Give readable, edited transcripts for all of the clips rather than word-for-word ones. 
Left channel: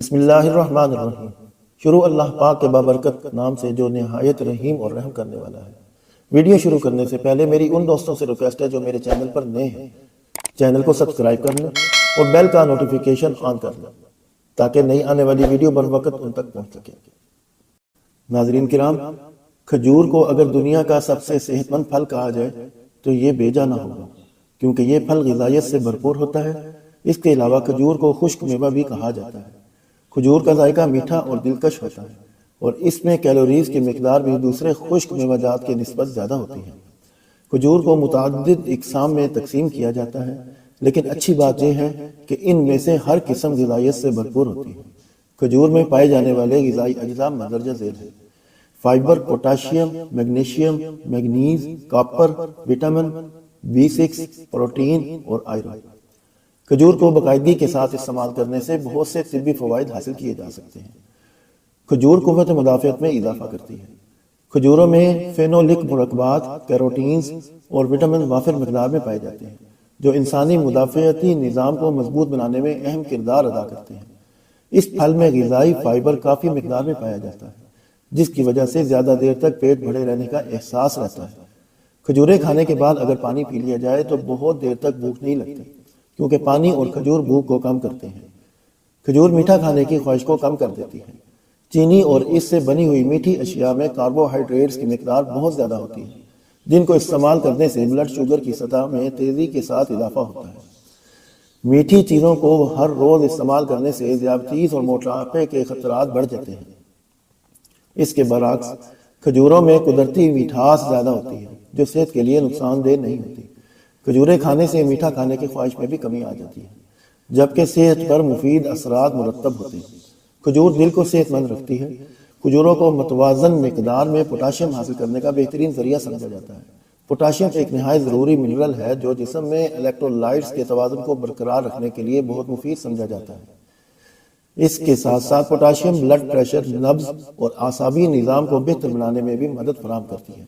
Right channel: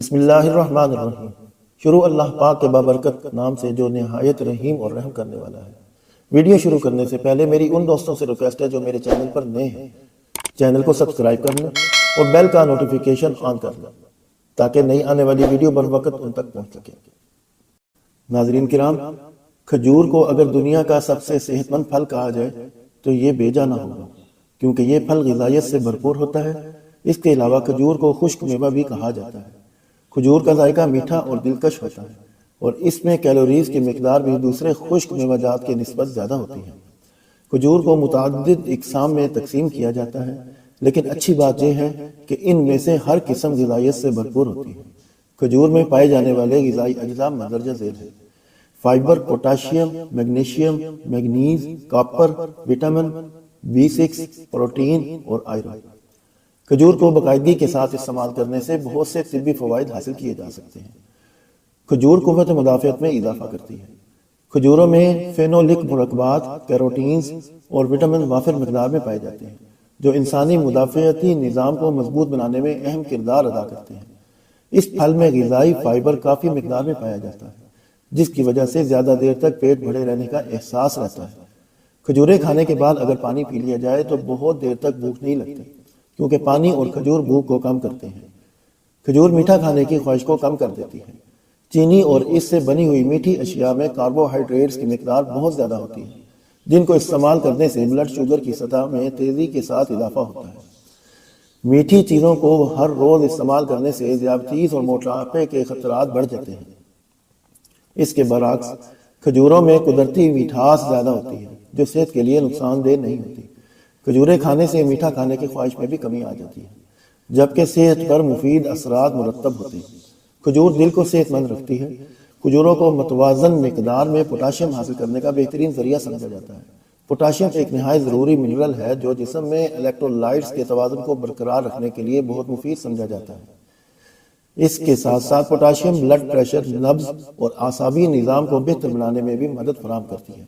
بسم اللہ الرحمن الرحیم۔ شروع اللہ پاک کے بابرکت کا نام سے جو نہایت رحیم اور رحم کرنے والا ہے۔ ویڈیو شروع کرنے سے پہلے میری ان دوستوں سے ریکویسٹ ہے جو میرے چینل پر نئے ہیں، چینل کو سبسکرائب کر لیں اور بیل کا نوٹیفیکیشن آن کر لیں تاکہ نئی آنے والی ویڈیو بر وقت ان تک پہنچ سکے۔ ناظرین کرام، کھجور کو اگر دنیا کا سب سے صحت مند پھل کہا جائے تو یہ بیجا نہ ہوگا، کیونکہ یہ پھل غذائیت سے بھرپور ہوتا ہے۔ اس کے علاوہ کھجور کو خشک میوہ بھی کہا جاتا ہے۔ کھجور کا ذائقہ میٹھا اور دلکش ہوتا ہے اور اس میں کیلوریز کی مقدار بھی دوسرے خشک میوہ جات کی نسبت زیادہ ہوتی ہے۔ کھجور کو متعدد اقسام میں تقسیم کیا جاتا ہے، لیکن اچھی بات یہ ہے کہ ان میں سے ہر قسم غذائیت سے بھرپور ہوتی ہے۔ کھجور میں پائے جانے والے غذائی اجزاء مندرجہ ذیل ہیں: fibre, potassium, magnesium, manganese, copper, vitamin B6، protein اور آئرن۔ کھجور کو باقاعدگی کے ساتھ استعمال کرنے سے بہت سے طبی فوائد حاصل کیے جا سکتے ہیں۔ کھجور قوت مدافعت میں اضافہ کرتی ہے۔ کھجوروں میں فینولک مرکبات، کیروٹینز اور وٹامن وافر مقدار میں پائے جاتے ہیں، جو انسانی مدافعتی نظام کو مضبوط بنانے میں اہم کردار ادا کرتے ہیں۔ اس پھل میں غذائی فائبر کافی مقدار میں پایا جاتا ہے، جس کی وجہ سے زیادہ دیر تک پیٹ بھرے رہنے کا احساس رہتا ہے۔ کھجوریں کھانے کے بعد اگر پانی پی لیا جائے تو بہت دیر تک بھوک نہیں لگتی، کیونکہ پانی اور کھجور بھوک کو کم کرتے ہیں۔ کھجور میٹھا کھانے کی خواہش کو کم کر دیتی ہے۔ چینی اور اس سے بنی ہوئی میٹھی اشیاء میں کاربوہائیڈریٹس کی مقدار بہت زیادہ ہوتی ہے، جن کو استعمال کرنے سے بلڈ شوگر کی سطح میں تیزی کے ساتھ اضافہ ہوتا ہے۔ میٹھی چیزوں کو ہر روز استعمال کرنے سے ذیابیطس اور موٹاپے کے خطرات بڑھ جاتے ہیں۔ اس کے برعکس کھجوروں میں قدرتی مٹھاس زیادہ ہوتی ہے، جو صحت کے لیے نقصان دہ نہیں ہوتی۔ کھجوریں کھانے سے میٹھا کھانے کی خواہش میں بھی کمی آ جاتی ہے، جبکہ صحت پر مفید اثرات مرتب ہوتے ہیں۔ کھجور دل کو صحت مند رکھتی ہے۔ کھجوروں کو متوازن مقدار میں پوٹاشیم حاصل کرنے کا بہترین ذریعہ سمجھا جاتا ہے۔ پوٹاشیم ایک نہایت ضروری منرل ہے جو جسم میں الیکٹرولائٹس کے توازن کو برقرار رکھنے کے لیے بہت مفید سمجھا جاتا ہے۔ اس کے ساتھ ساتھ پوٹاشیم بلڈ پریشر، نبض اور اعصابی نظام کو بہتر بنانے میں بھی مدد فراہم کرتی ہے۔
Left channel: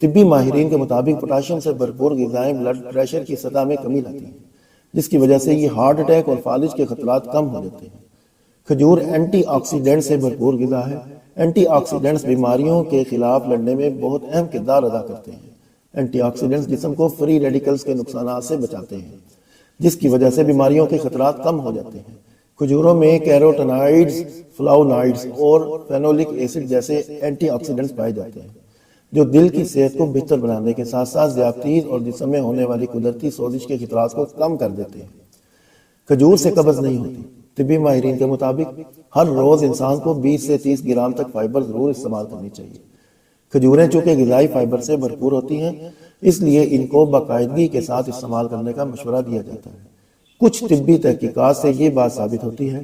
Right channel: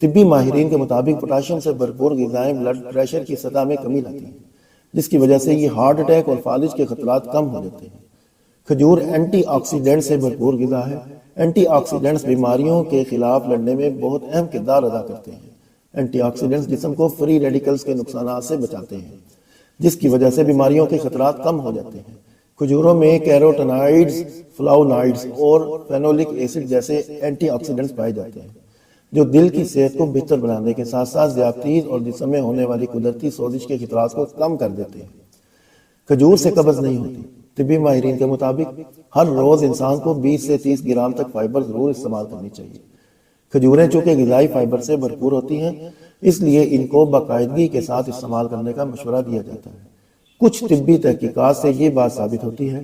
طبی ماہرین کے مطابق پوٹاشیم سے بھرپور غذائیں بلڈ پریشر کی سطح میں کمی لاتی ہیں، جس کی وجہ سے یہ ہارٹ اٹیک اور فالج کے خطرات کم ہو جاتے ہیں۔ کھجور اینٹی آکسیڈنٹ سے بھرپور غذا ہے۔ اینٹی آکسیڈنٹس بیماریوں کے خلاف لڑنے میں بہت اہم کردار ادا کرتے ہیں۔ اینٹی آکسیڈنٹس جسم کو فری ریڈیکلز کے نقصانات سے بچاتے ہیں، جس کی وجہ سے بیماریوں کے خطرات کم ہو جاتے ہیں۔ کھجوروں میں کیروٹینائڈز، فلاونائڈز اور فینولک ایسڈ جیسے اینٹی آکسیڈنٹس پائے جاتے ہیں، جو دل کی صحت کو بہتر بنانے کے ساتھ ساتھ ذیابیطس اور جسم میں ہونے والی قدرتی سوزش کے خطرات کو کم کر دیتے ہیں۔ کھجور سے قبض نہیں ہوتی۔ طبی ماہرین کے مطابق ہر روز انسان کو 20 سے 30 گرام تک فائبر ضرور استعمال کرنی چاہیے۔ کھجوریں چونکہ غذائی فائبر سے بھرپور ہوتی ہیں، اس لیے ان کو باقاعدگی کے ساتھ استعمال کرنے کا مشورہ دیا جاتا ہے۔ کچھ طبی تحقیقات سے یہ بات ثابت ہوتی ہے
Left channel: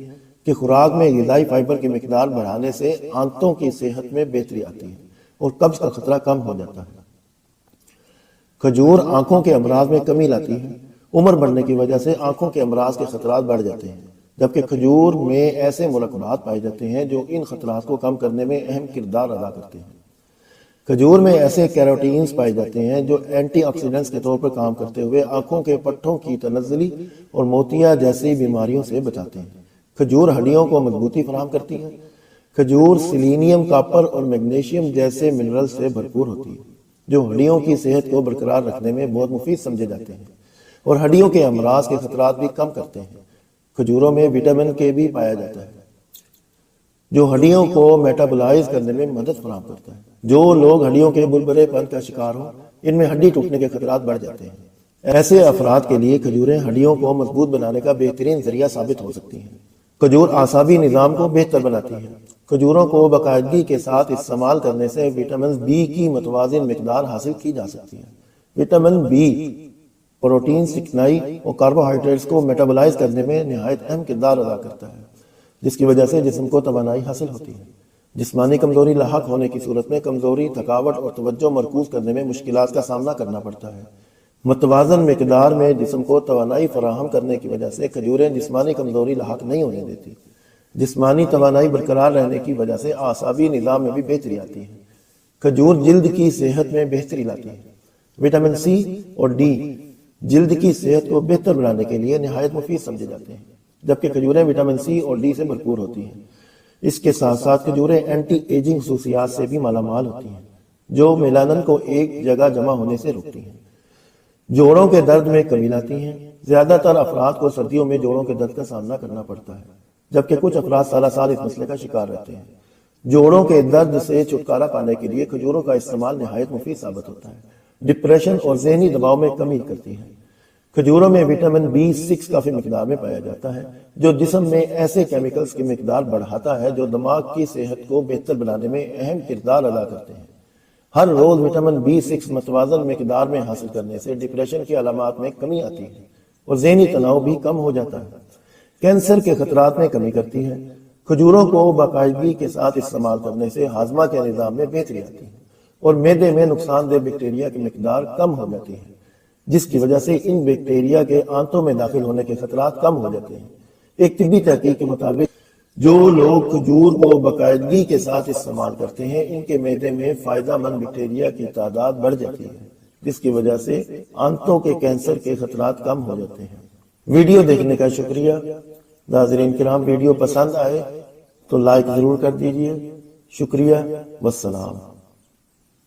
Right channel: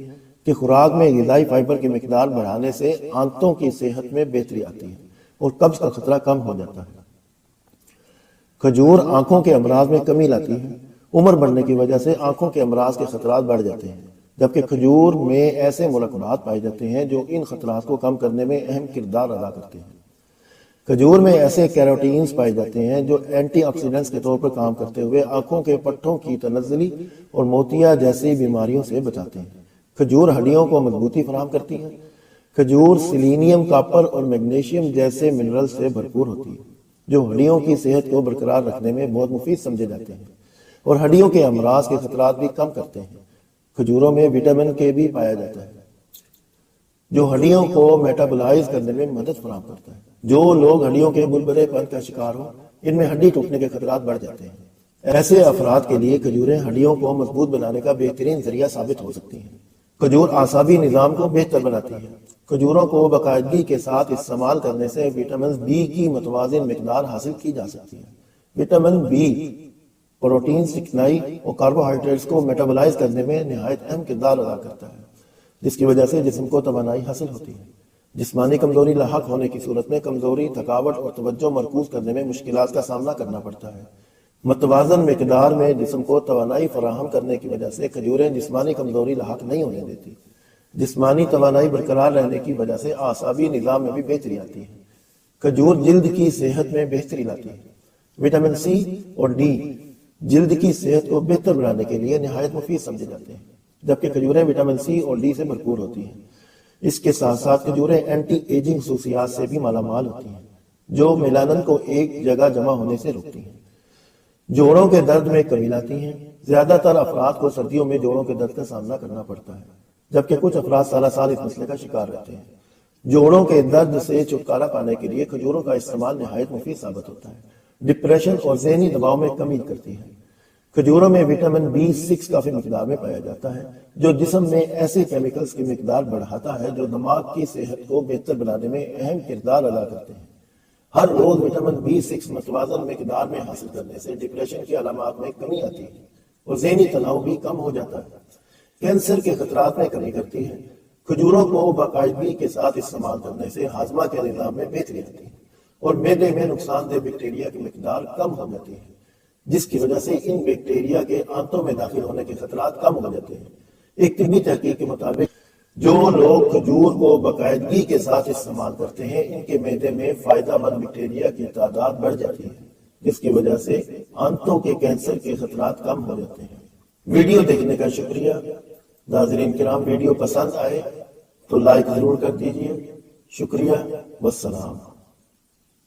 کہ خوراک میں غذائی فائبر کی مقدار بڑھانے سے آنتوں کی صحت میں بہتری آتی ہے اور قبض کا خطرہ کم ہو جاتا ہے۔ کھجور آنکھوں کے امراض میں کمی لاتی ہے۔ عمر بڑھنے کی وجہ سے آنکھوں کے امراض کے خطرات بڑھ جاتے ہیں، جبکہ کھجور میں ایسے مرکبات پائے جاتے ہیں جو ان خطرات کو کم کرنے میں اہم کردار ادا کرتے ہیں۔ کھجور میں ایسے کیروٹینز پائے جاتے ہیں جو اینٹی آکسیڈنٹس کے طور پر کام کرتے ہوئے آنکھوں کے پٹھوں کی تنزلی اور موتیا جیسی بیماریوں سے بچاتے ہیں۔ کھجور ہڈیوں کو مضبوطی فراہم کرتی ہے۔ کھجور سیلینیم، کاپر اور میگنیشیم جیسے منرل سے بھرپور ہوتی ہے، جو ہڈیوں کی صحت کو برقرار رکھنے میں بہت مفید سمجھے جاتے ہیں اور ہڈیوں کے امراض کے خطرات بھی کم کرتے ہیں۔ کھجوروں میں وٹامن کے بھی پایا جاتا ہے، جو ہڈیوں کو میٹابولائز کرنے میں مدد فراہم کرتا ہے۔ جو لوگ ہڈیوں کے بلبلے پن کا شکار ہوں، ان میں ہڈی ٹوٹنے کے خطرات بڑھ جاتے ہیں۔ ایسے افراد کے لیے کھجوریں ہڈیوں کو مضبوط بنانے کا بہترین ذریعہ ثابت ہو سکتی ہیں۔ کھجور اعصابی نظام کو بہتر بناتی ہے۔ کھجوروں کو باقاعدگی کے ساتھ استعمال کرنے سے وٹامن B کی متوازن مقدار حاصل کی جا سکتی ہے۔ وٹامن B پروٹین، چکنائی اور کاربوہائیڈریٹس کو میٹابولائز کرنے میں نہایت اہم کردار ادا کرتا ہے، جس کی وجہ سے جسم کو توانائی حاصل ہوتی ہے۔ جسمانی کمزوری لاحق ہونے کی صورت میں کمزوری، تھکاوٹ اور توجہ مرکوز کرنے میں مشکلات کا سامنا کرنا پڑتا ہے۔ متوازن مقدار میں جسم کو توانائی فراہم کرنے کی وجہ سے کھجوریں جسمانی کمزوری لاحق نہیں ہونے دیتی۔ جسمانی توانائی برقرار رہنے کی وجہ سے اعصابی نظام میں بھی بہتری آتی ہے۔ کھجور جلد کی صحت میں بہتری لاتی ہے۔ وٹامن C اور D جلد کی صحت کو بہتر بنانے کے لیے نہایت مفید سمجھے جاتے ہیں۔ جبکہ کھجوریں وٹامن سی اور ڈی سے بھرپور ہوتی ہیں۔ اس کے ساتھ ساتھ کھجوریں اینٹی ایجنگ خصوصیات سے بھی مالا مال ہوتی ہیں جو میلانن کو ایک جگہ جمع ہونے سے روکتی ہیں، جوڑوں کے درد میں کمی لاتی ہیں۔ زیادہ تر افراد کو سردیوں میں جوڑوں کے درد کا سامنا کرنا پڑتا ہے، جبکہ کچھ افراد سالہ سال اس مسئلے کا شکار رہتے ہیں۔ جوڑوں کے درد سے چھٹکارا پانے کے لیے کھجوروں کا استعمال نہایت مفید ثابت ہوتا ہے۔ ڈپریشن اور ذہنی دباؤ میں کمی کرتی ہے۔ کھجوروں میں وٹامن B6 کافی مقدار میں پایا جاتا ہے جو جسم میں ایسے کیمیکلز کی مقدار بڑھاتا ہے جو دماغ کی صحت کو بہتر بنانے میں اہم کردار ادا کرتے ہیں۔ ہر روز وٹامن B6 متوازن مقدار میں حاصل کرنے سے ڈپریشن کی علامات میں کمی آتی ہے اور ذہنی تناؤ بھی کم ہو جاتا ہے۔ کینسر کے خطرات میں کمی کرتی ہے۔ کھجوروں کو باقاعدگی کے ساتھ استعمال کرنے سے ہاضمہ کے نظام میں بہتری آتی ہے اور معدے میں نقصان دہ بیکٹیریا کی مقدار کم ہو جاتی ہے، جس کی وجہ سے ان بیکٹیریا کے آنتوں میں داخل ہونے کے خطرات کم ہو جاتے ہیں۔ ایک طبی تحقیق کے مطابق جو لوگ کھجور کو باقاعدگی کے ساتھ استعمال کرتے ہیں ان کے معدے میں فائدہ مند بیکٹیریا کی تعداد بڑھ جاتی ہے، جس کی وجہ سے آنتوں کے کینسر کے خطرات کم ہو جاتے ہیں۔ ویڈیو دیکھنے کا شکریہ۔ ناظرین کرام، ویڈیو پسند آئے تو لائک ضرور کر دیجیے۔ شکریہ، والسلام۔